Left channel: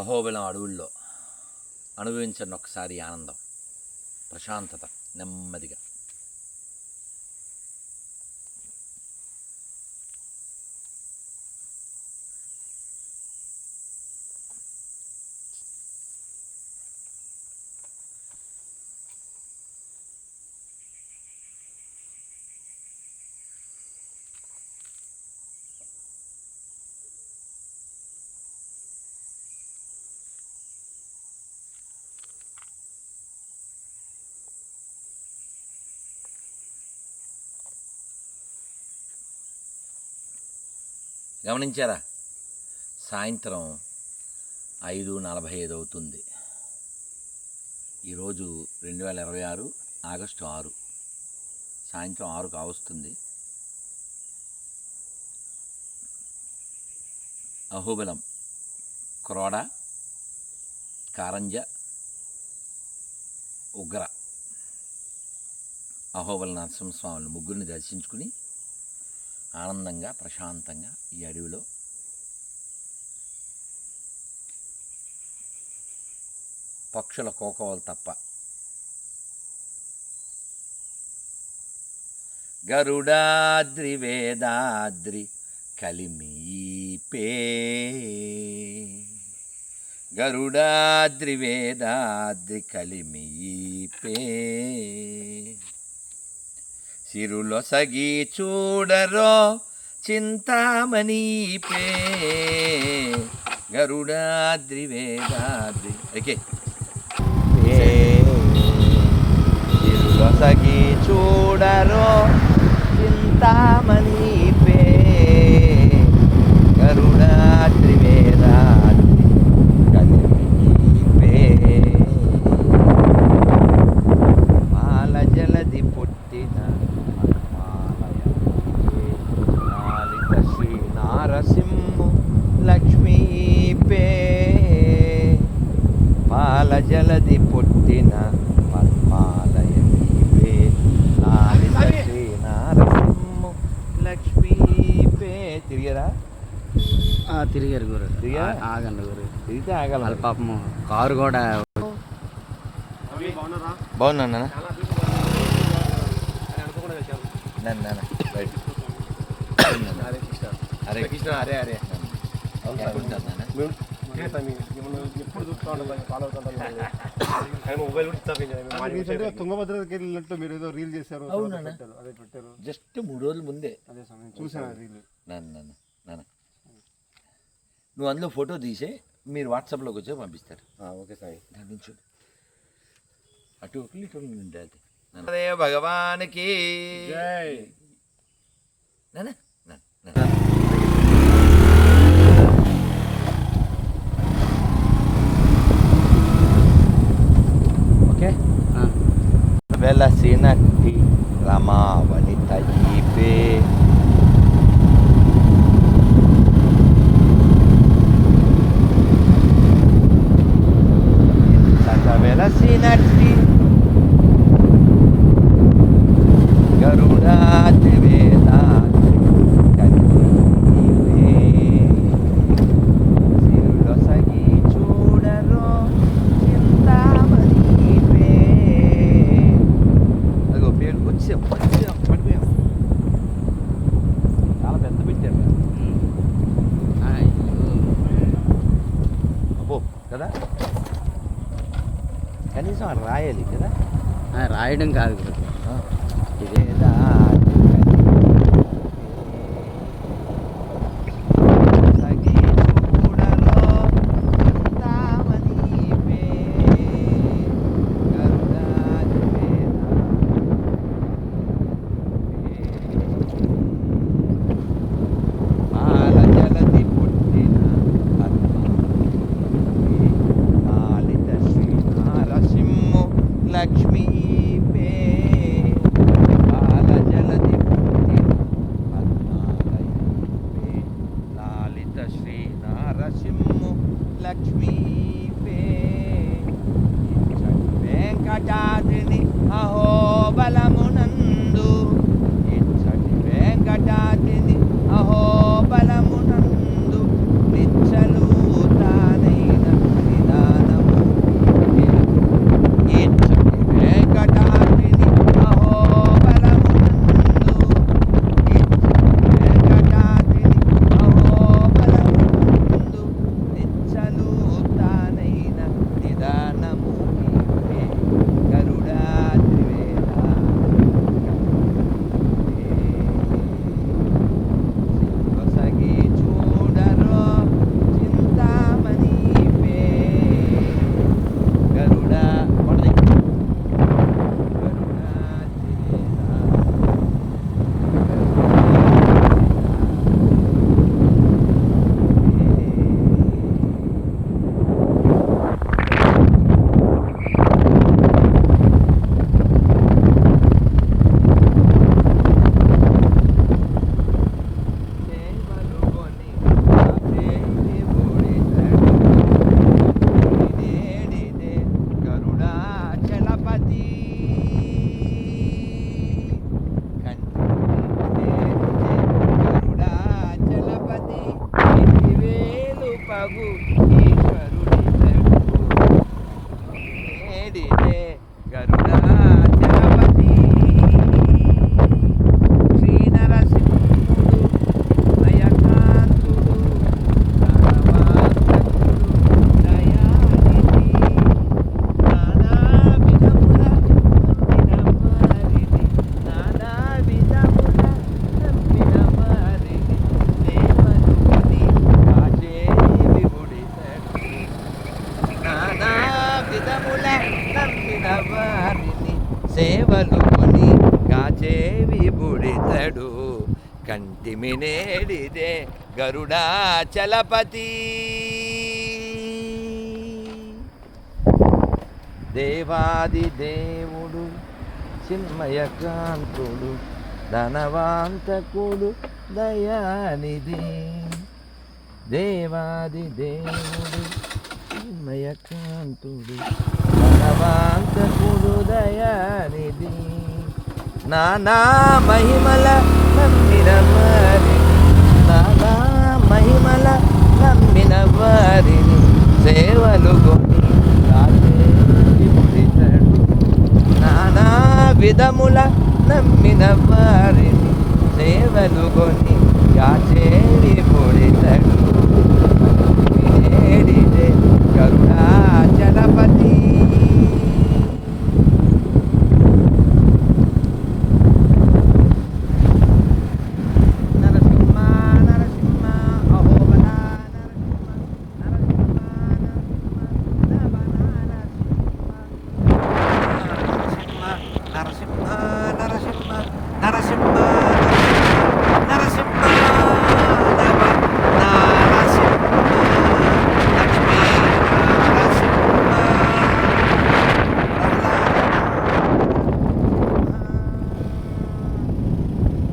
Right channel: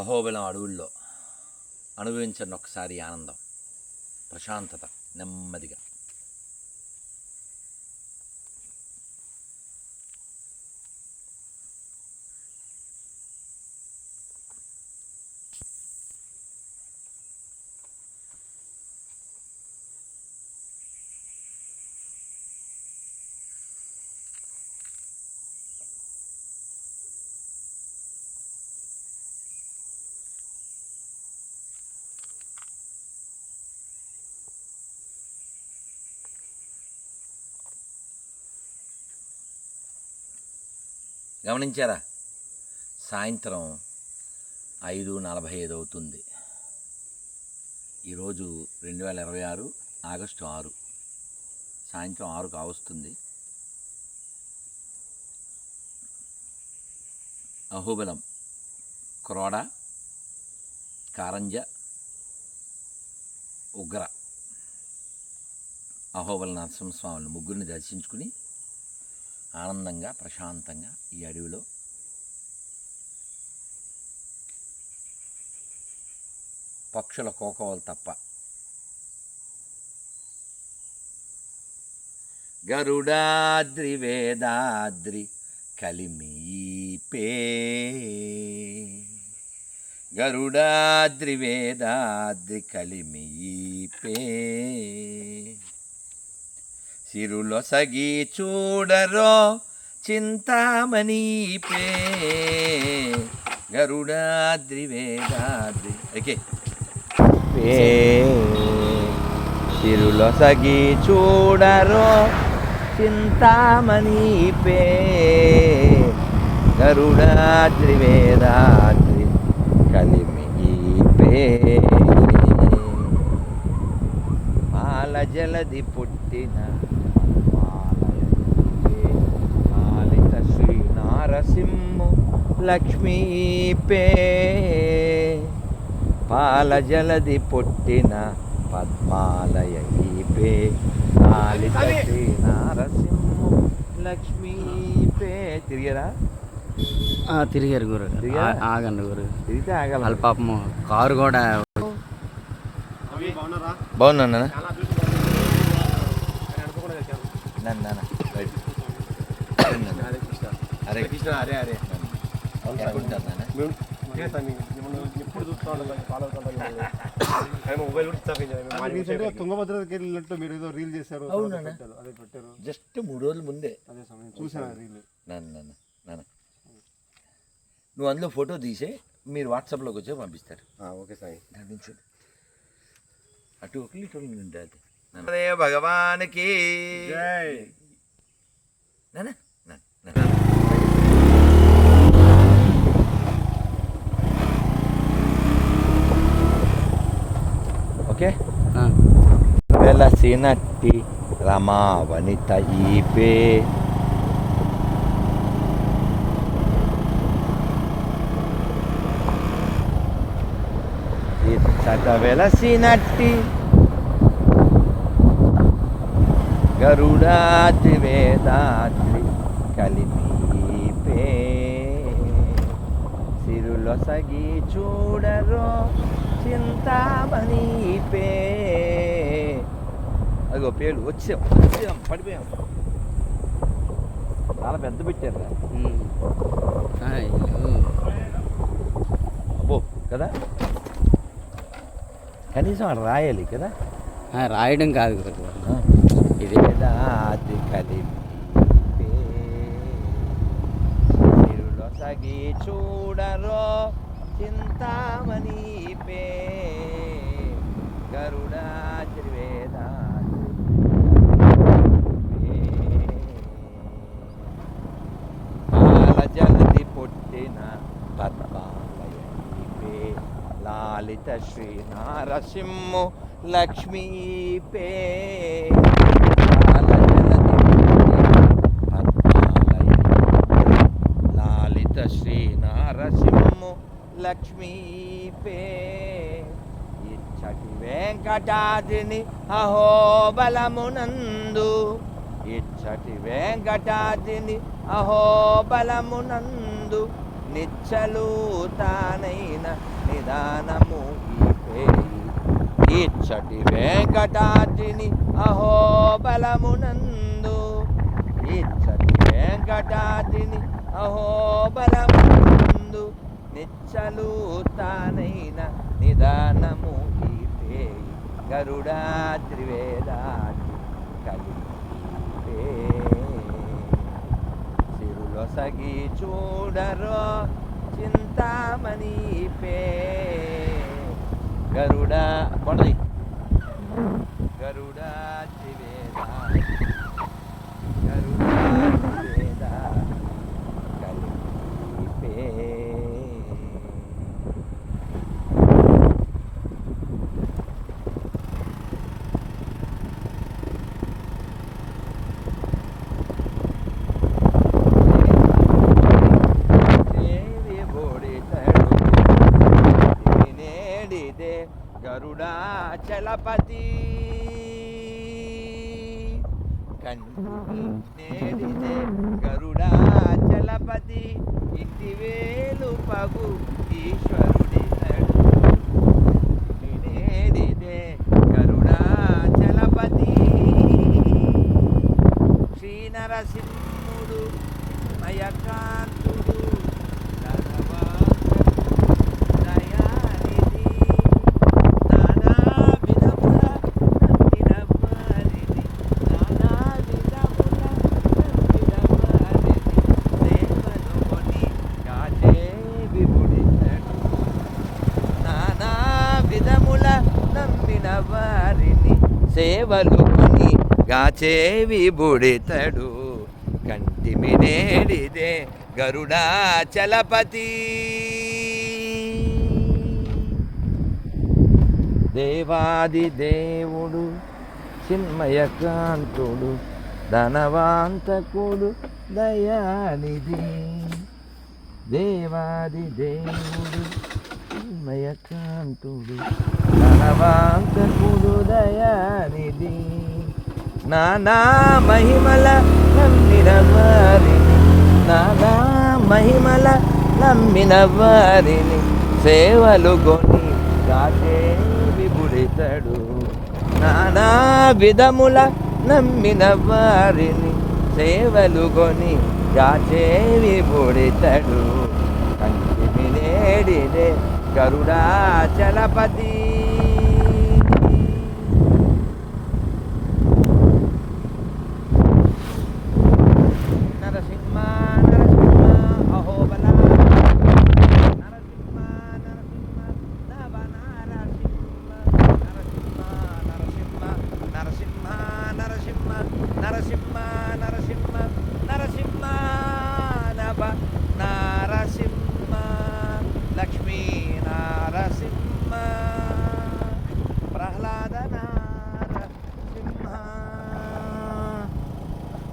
అహోబిలం అడవుల్లో అనుభవించండి ఒకసారి ఆనందం, ప్రశాంతత, నెమ్మదిగా. గమనించారా? సాయంత్రం 5:45 అవుతుంది. ఈరోజు 2026 ఆగస్టు 6, సాయంత్రం 6 కావస్తుంది. అహోబిలం, క్రోడ, కారంజ, ఉగ్ర అహోబిల నరసింహస్వామిని ముగ్గురిని దర్శించుకుని ఆనందంగా ప్రశాంతంగా ఈ అడవిలో పక్షుల కోకవలు తప్ప గరుడాద్రి వేదాద్రి కలిమీపే, గరుడాద్రి వేదాద్రి కలిమీపే, సిరులొసగి చూడరో చింతామణిపే, గరుడాద్రి వేదాద్రి ఓకే సిరులొసగి చూడరో చింతామణిపే, గరుడాద్రి వేదాద్రి కలిమీపే, పాల జలది పుట్టిన శ్రీ నారసింహు లక్ష్మీపే, పాల జలది పుట్టిన పద్మాలయీపే, పాలిత శ్రీ నారసింహు లక్ష్మీపే. తిరిగారా? తిరిగారు గురు. ఆగండి గురు, తిరిగితే ఆగాలి. పాపము కారు కూడా బాగున్నా నన్ను అరే కృష్ణ అరే అరే తుంగభద్రకి వెళ్ళినట్టు మీరు ఏదో రీల్ చేశారు, అదే పెట్టారు జస్ట్ 3 రోజుల ముందే. అదే సమయం చూసాను రీల్. నాన్న నువ్వు అందులో ఫోటో తీసే మీరు వాట్సాప్లోకి వచ్చే పంపిస్తారు. ఓకే సాయి. నుంచి అటు ఒకటి ఇటు ఉంటుంది. అదే భగవానికి జై. ఓకే. వెలసినట్టి రమావనిత ఈపే, ఇచ్చట వెలసినట్టి గరుడాద్రి వేదాద్రి కలిమీపే, సిరులొసగి చూడరో చింతామణిపే. అదిగో పేరు వచ్చాం పడిపోయాం. చాలా పెద్ద పెట్టారు అబ్బో కదా, కనీసం అది రాయాలి కదా. రాయడం కాదు గురు, వేదాద్రి కలిమీపే, చూడరో చింతామణిపే, గరుడాద్రి వేదాద్రి జలది పుట్టిన పద్మావతి, లాలిత శ్రీ నారసింహు లక్ష్మీపే, లాలిత శ్రీ నారసింహు లక్ష్మీపే, ఇచ్చటి వెంకటాద్రిని అహోబలమునందు, ఇచ్చటి వెంకటాద్రిని అహోబలమునందు నిచ్చలు తానైన సేవలుకొని గాచేవి బుడితడు కంటిమి నేడిదే గరుడాచలపతి. దేవాది దేవుడు చిన్మయకాంతుడు ధనవాంతకుడు దయానిధి. దేవాది దేవుడు చిన్మయకాంతుడు ధనవాంతకుడు దయానిధి. నానా మహిమల నమ్మిన వారిని, నానా మహిమల నమ్మిన వారిని సేవలు కొని విపుడితడు. నానా విధముల నమ్మిన వారిని సేవలు కొని గాచేవి పొడితడు. వినేడిదే గరుడాచలపతి.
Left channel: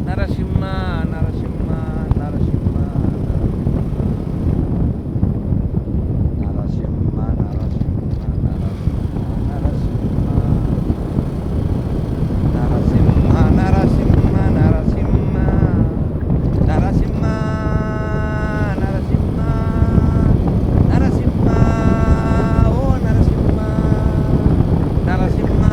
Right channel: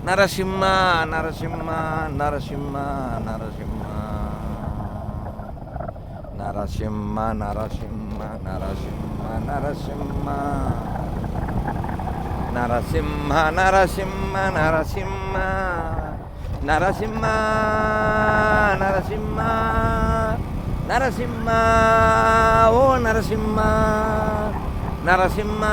నరసింహ నరసింహ నరసింహ నరసింహ నరసింహ నరసింహ నరసింహ నరసింహ నరసింహ నరసింహ నరసింహ నరసింహ నరసింహ ఓ నరసింహ నరసింహ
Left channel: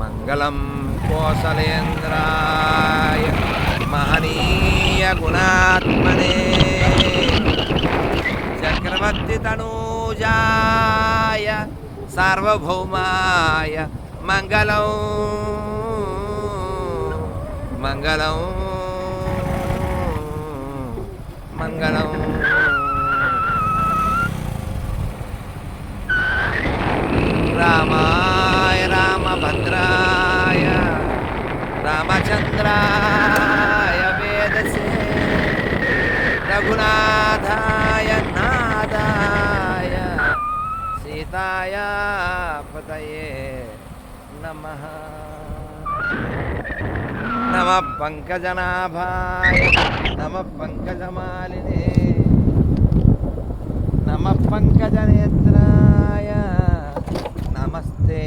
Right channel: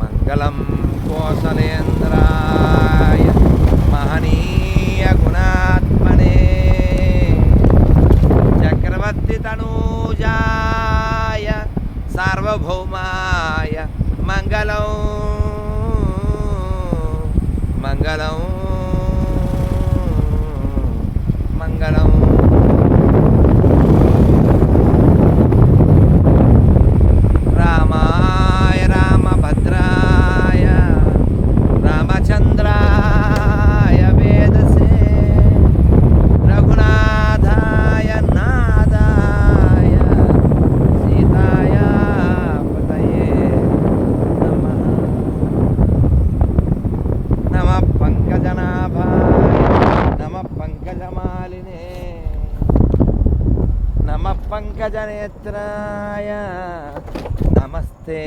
మంగళం కోసలేంద్రాయ మహనీయ గుణాత్మనే చక్రవర్తి తనూజాయ సార్వభౌమాయ మంగళం మంగళం మంగళం. రామాయ రామభద్రాయ రామచంద్రాయ వేదసే రఘునాథాయ నాదాయ సీతాయ పతయే నమః. నమః పంకజనాభాయ నమః పంకజమాలినే నమః పంకజనేత్రాయ నమస్తే.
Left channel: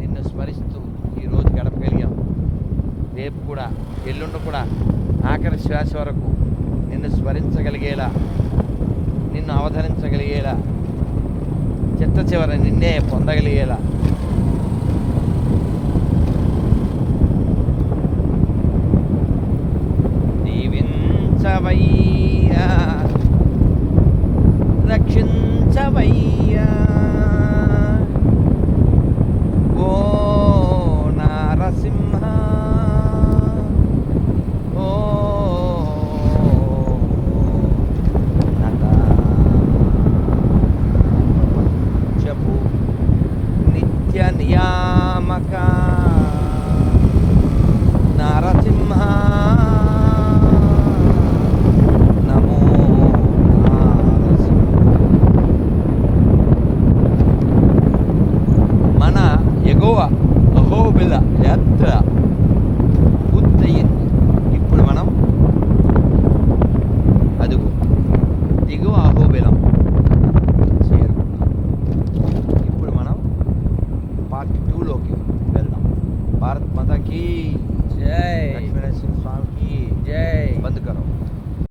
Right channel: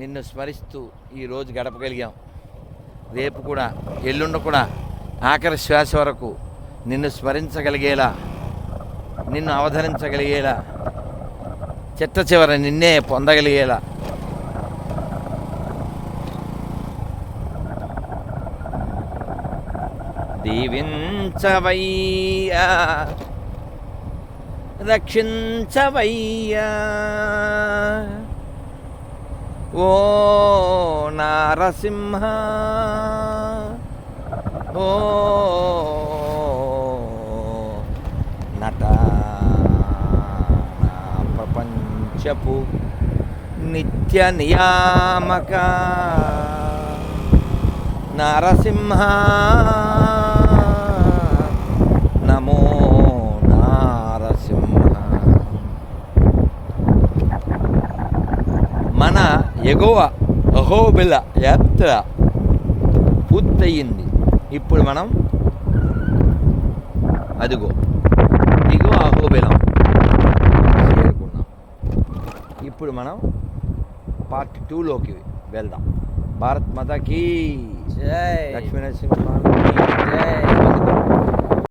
నిన్ను స్మరిస్తూ ఈరోజు గడపగలిగాం. రేపు కూడా ఎల్లుండి కూడా ఆఖరి శ్వాస వరకు నిన్ను స్మరించగలిగేలా, నిన్ను అవతరించగలిగేలా, చిట్ట చివర నిన్నే పొందగలిగేలా దీవించవయ్యా, రక్షించవయ్యా ఓ నారసింహ, ఓ నట ప్రపంచపు నిత్య నియామక నారసింహ, నమో నారసింహ. మన ఎగువ అహోబిల యాత్ర పూర్తయింది. ఇప్పుడు మనం అదిగో దిగువ అహోబిలం చేరుకున్నాం. ఇప్పుడు మనం పార్ట్ 2లోకి వెళ్దాం. భారత్ మాతాకి జై. లక్ష్మీ నరసింహ